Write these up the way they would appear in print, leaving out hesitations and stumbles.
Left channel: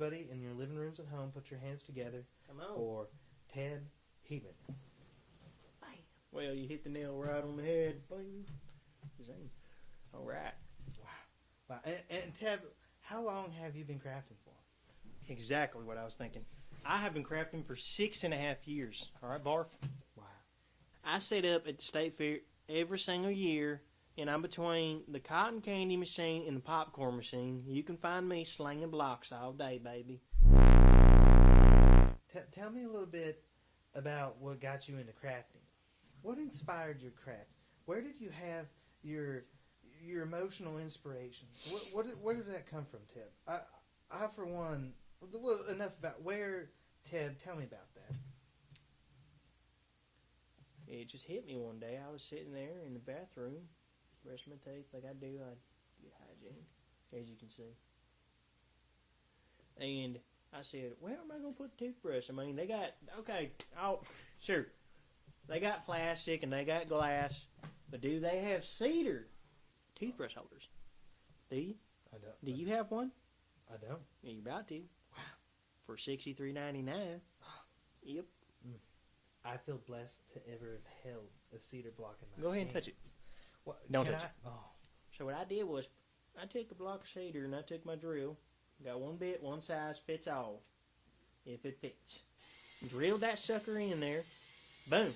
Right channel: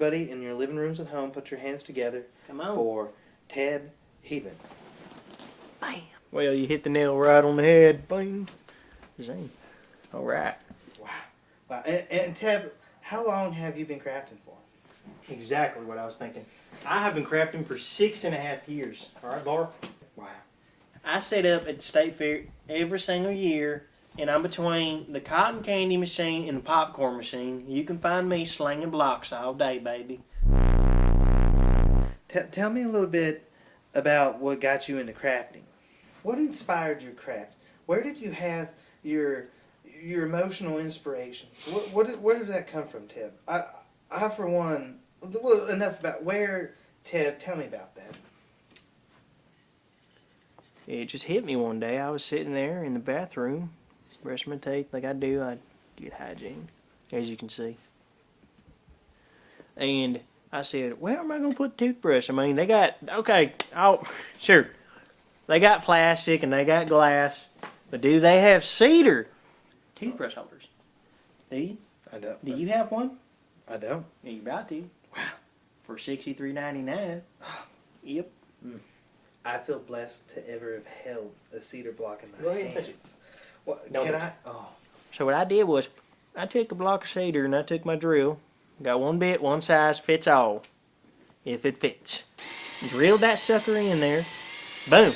everybody in your living rooms at home, put your hands together for Teb Heedman. Bam. Well, you hit the nail right on the head. Bang. Zing. All right. Wow. And Teb, how long have you been crafting for? Exactly what I was thinking. I have been crafting for 6.5 years. All right, Barf? Wow. I set up at the state fair every single year, and I'm between the cotton candy machine and the popcorn machine. You can find me slinging blocks all day, baby. Tell me a little bit about what got you into crafting. What inspired your craft? Where did you have your emotional inspiration? Where did that come from, Teb? I for one, enough about where, Teb, tell me about that. It just hit me one day. I was sitting there in the bathroom, brushing my teeth like I do. I get hygiene, as you can see. And I said, where am I going to put the toothbrush? I mean, they got, okay, sure. They got plastic and they got glass, but do they have cedar toothbrush holders? Do you? I don't. Do you have one? I don't. Yeah, you're about to. Wow. For $63.99. Yep. I feel blessed to ever have held a cedar block in my Go ahead and hands. touch it. What, Don't can touch I? it. Oh. So what I did was, I took a block of cedar and I took my drill, got one bit, one size fits all, if it fits. Drilled that sucker in there, boom.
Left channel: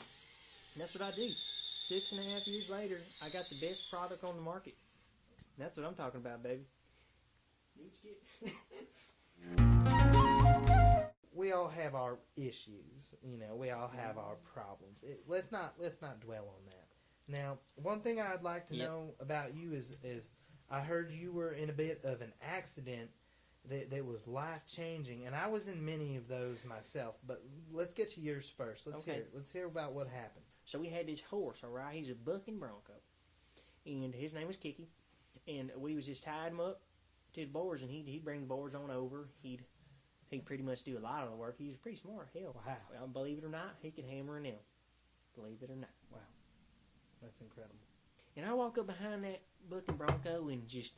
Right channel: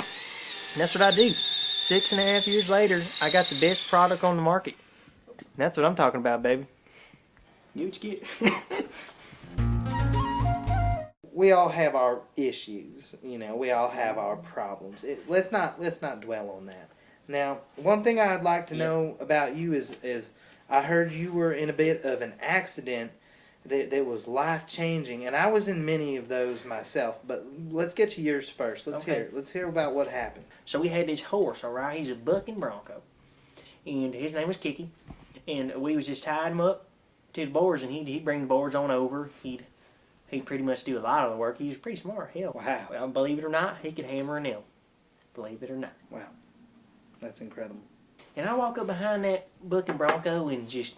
And that's what I do. 6.5 years later, I got the best product on the market. And that's what I'm talking about, baby. Get what you get. We all have our issues, you know. We all have our problems. Let's not dwell on that. Now, one thing I'd like to know about you is I heard you were in a bit of an accident that was life-changing, and I was in many of those myself. But let's get to yours first. Let's hear about what happened. So we had this horse, all right. He's a bucking bronco, and his name was Kiki. And we was just tied him up to the boards, and he'd bring the boards on over. He'd pretty much do a lot of the work. He was pretty smart. Hell, Wow. Well, believe it or not, he could hammer a nail. Believe it or not. Wow. That's incredible. And I walk up behind that bucking bronco and just...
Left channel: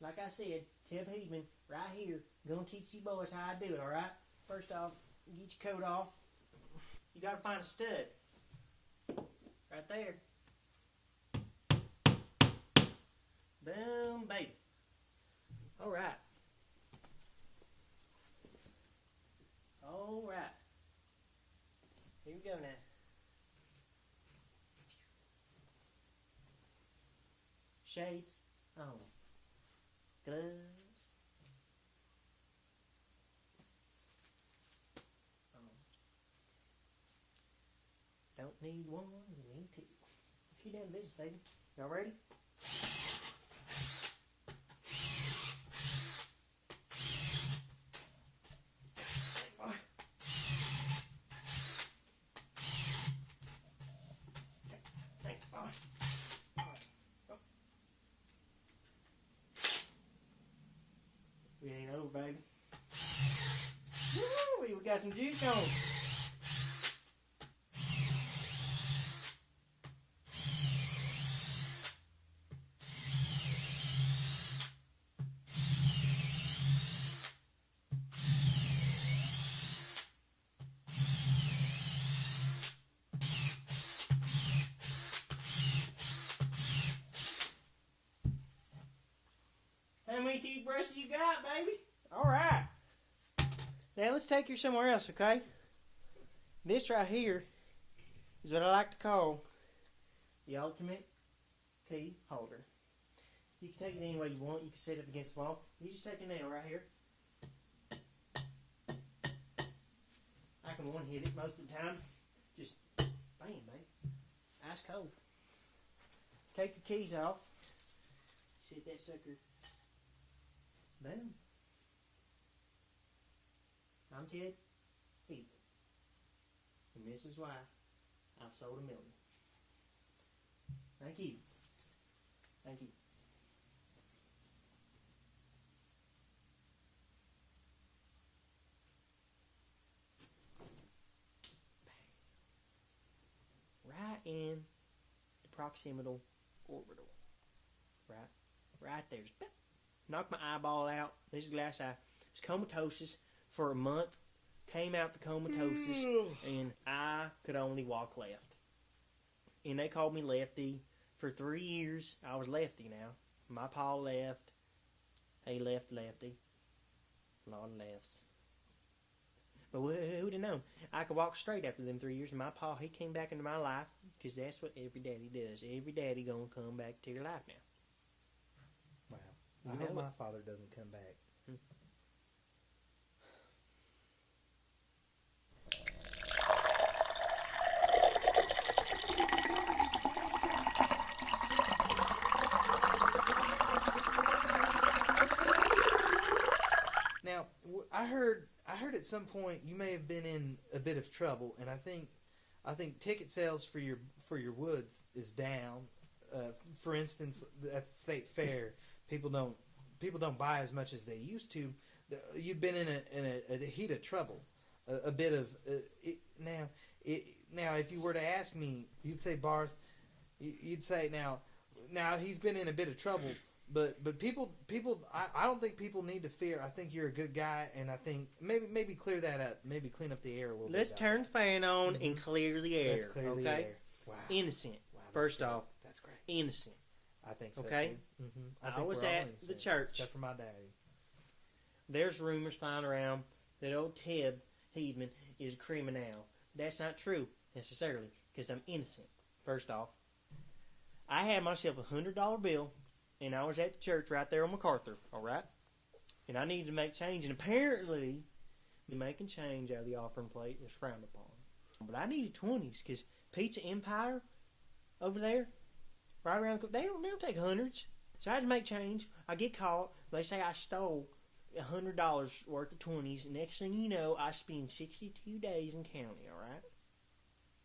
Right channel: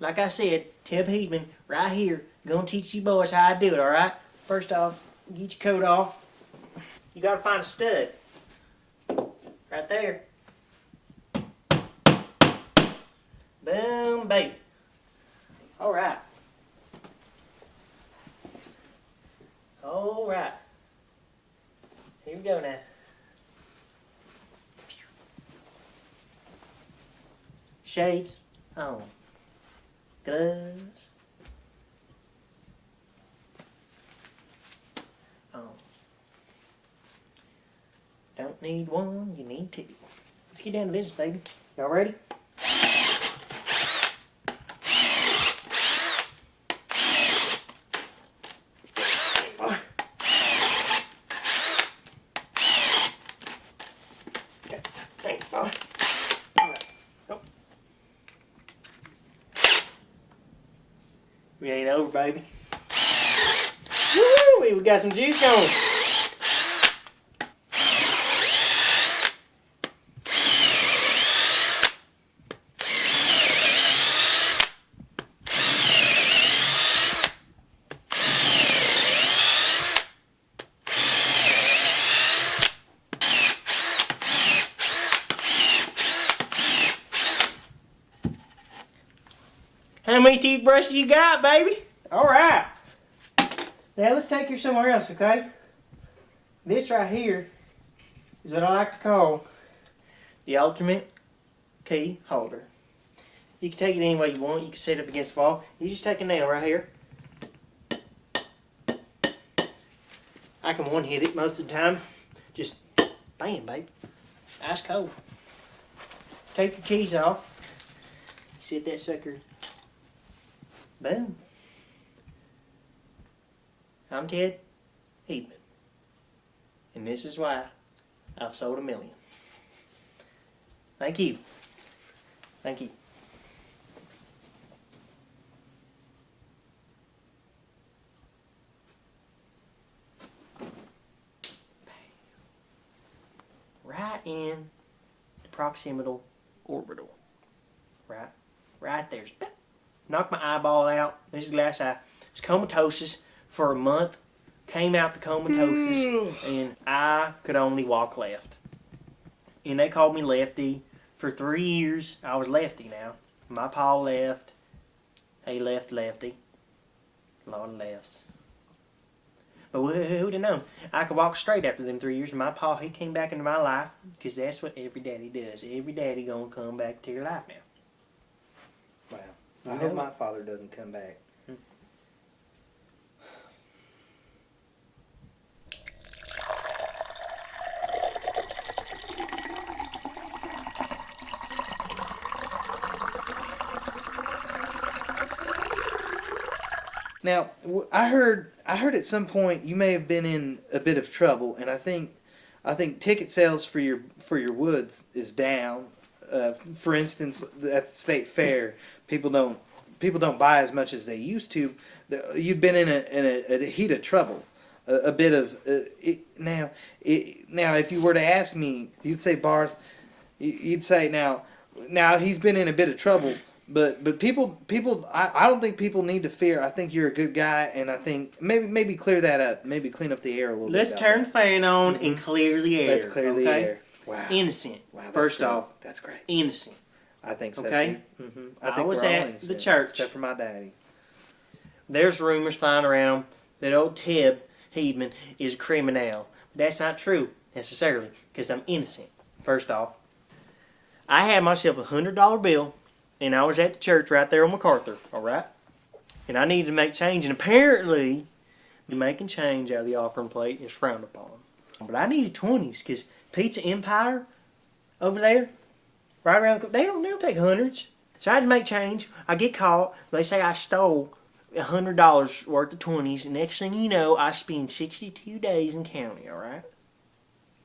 Like I said, Teb Heedman, right here, gonna teach you boys how I do it, alright? First off, get your coat off. You gotta find a stud. Right there. Boom, baby. Alright. Alright. Here we go now. Shades on. Gloves on. Don't need one, you need two. Let's get down to business, baby. Y'all ready? We ain't over, baby. Woo! We got some juice going. How many toothbrushes you got, baby? All right. Now let's take you somewhere else, okay? This right here is what I like to call the ultimate key holder. You can take it any way you want. You can set it up against the wall. You just take a nail right here. I can one-hit it most of the time. Just bam, babe. Ice cold. Take your keys off. Set that sucker. Boom. I'm Teb Heedman, and this is why I've sold 1 million. Thank you. Thank you. Right in the proximal orbital. Right there. Knocked my eyeball out. This glass eye. It's comatose for a month. Came out the comatose, and I could only walk left. And they called me lefty. For 3 years, I was lefty now. My pa left. He left lefty. A lot of lefts. But who'd have known? I could walk straight after them 3 years. And my pa, he came back into my life. Because that's what every daddy does. Every daddy gonna come back to your life now. Wow. I hope my father doesn't come back. Now, I heard at some point you may have been in a bit of trouble, and I think ticket sales for your woods is down. For instance, at the state fair, people don't buy as much as they used to. You've been in a heat of trouble, a bit of now. If you were to ask me, you'd say Barth. You'd say now he's been in a bit of trouble. But people, I don't think people need to fear. I think you're a good guy, and I think maybe clear that up. Maybe clean up the air a little bit. Let's turn the fan on and clear the air. Let's clear the air. Wow. Innocent. Wow. First off, that's great. Innocent. I think so. Okay. Too. Mm-hmm. I think was we're all at innocent, the church. except for my daddy. There's rumors flying around that old Teb Heedman is a criminal. But that's not true necessarily, because I'm innocent. First off, I had myself $100 bill. And I was at the church right there on MacArthur, all right? And I needed to make change. And apparently, making change out of the offering plate is frowned upon. But I needed 20s because Pizza Empire over there, right around the corner, they don't take hundreds. So I had to make change. I get caught. They say I stole $100 worth of 20s. And next thing you know, I spend 62 days in county, all right?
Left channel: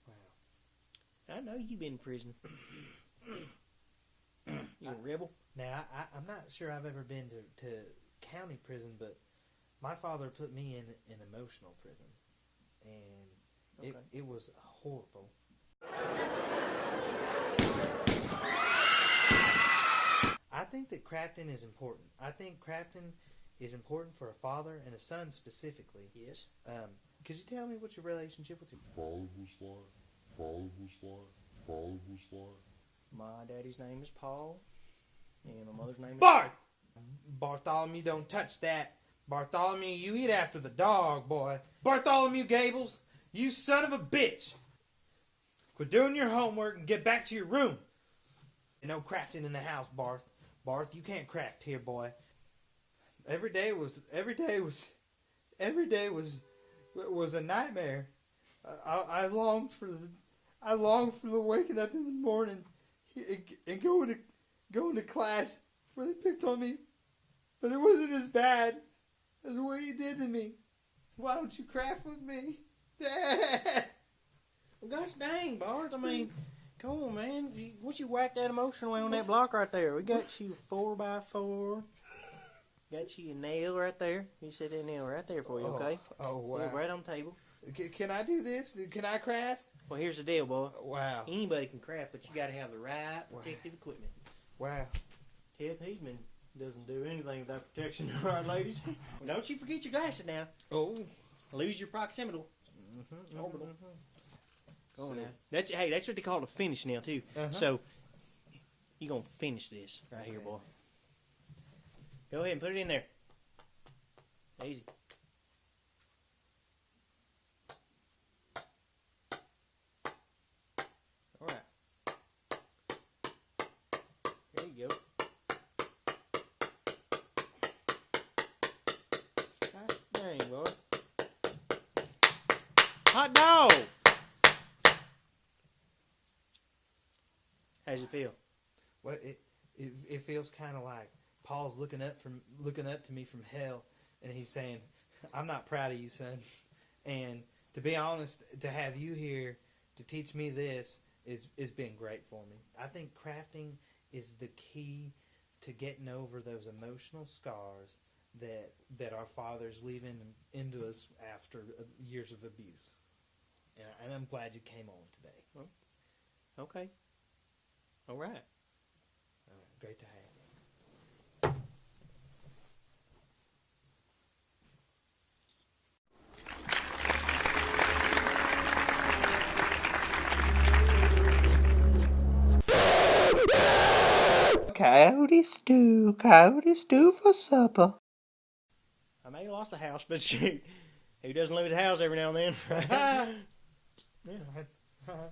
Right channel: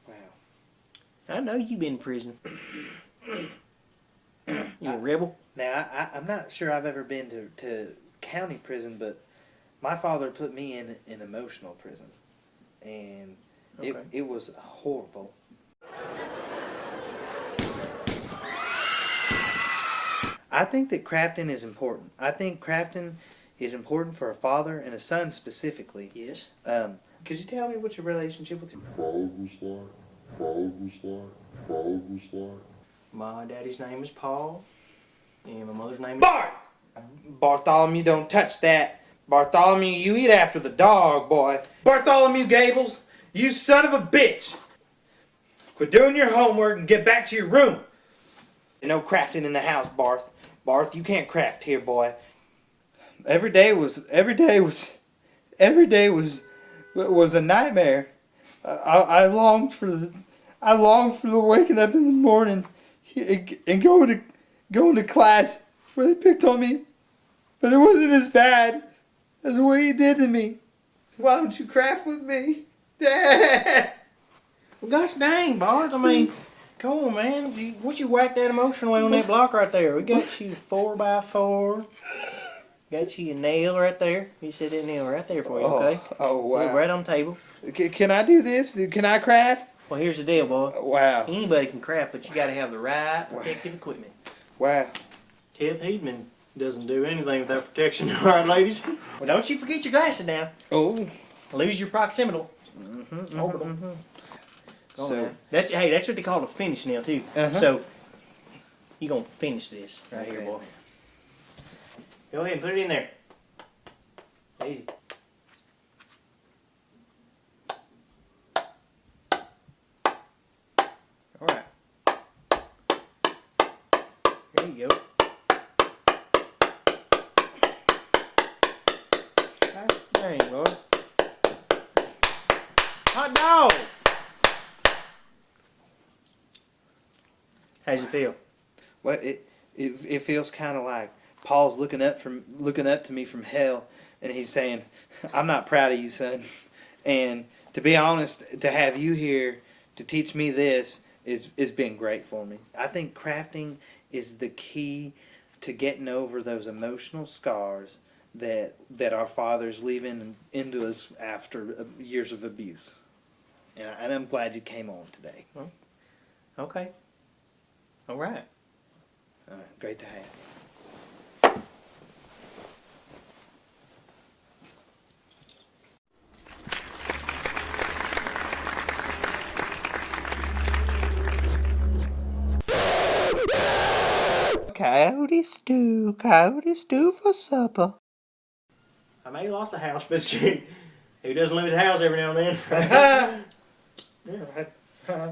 Wow. I know you've been in prison. You a rebel? Now, I'm not sure I've ever been to county prison, but my father put me in an emotional prison, and it was horrible. I think that crafting is important. I think crafting is important for a father and a son specifically. Yes. Could you tell me what your relationship with your father was like? My daddy's name is Paul, and my mother's name is... Bart! Bartholomew, don't touch that. Bartholomew, you eat after the dog, boy. Bartholomew Gables, you son of a bitch. Quit doing your homework and get back to your room. No crafting in the house, Barth. Barth, you can't craft here, boy. Every day was a nightmare. I longed for the waking up in the morning and going to class where they picked on me, but it wasn't as bad as what he did to me. Why don't you craft with me, Dad? Well, gosh dang, Bart. I mean, come on, man. What you whack that emotional way on that block right there? We got you 4x4. Got you a nail right there. You said that nail right there for you, okay? Oh, wow. Look right on the table. Can I do this? Can I craft? Well, here's the deal, boy. Wow. Anybody can craft, but you got to have the right protective equipment. Wow. Teb Heedman doesn't do anything without protection, all right, ladies? Well, don't you forget your glasses now. Oh. Lose your proximal. Orbital. So that's what they call a finish now too. So you're gonna finish this right here, boy. Go ahead and put it in there. Easy. All right. There you go. Dang, boy. Hot dog. How's it feel? Well, it feels kind of like Paul's looking up to me from hell, and he's saying, "I'm not proud of you, son." And to be honest, to have you here to teach me this is been great for me. I think crafting is the key to getting over those emotional scars that our fathers leave into us after years of abuse. And I'm glad you came on today. Okay. All right. Great to have you. Coyote stew for supper. I may have lost the house, but who doesn't lose the house every now and then? Yeah.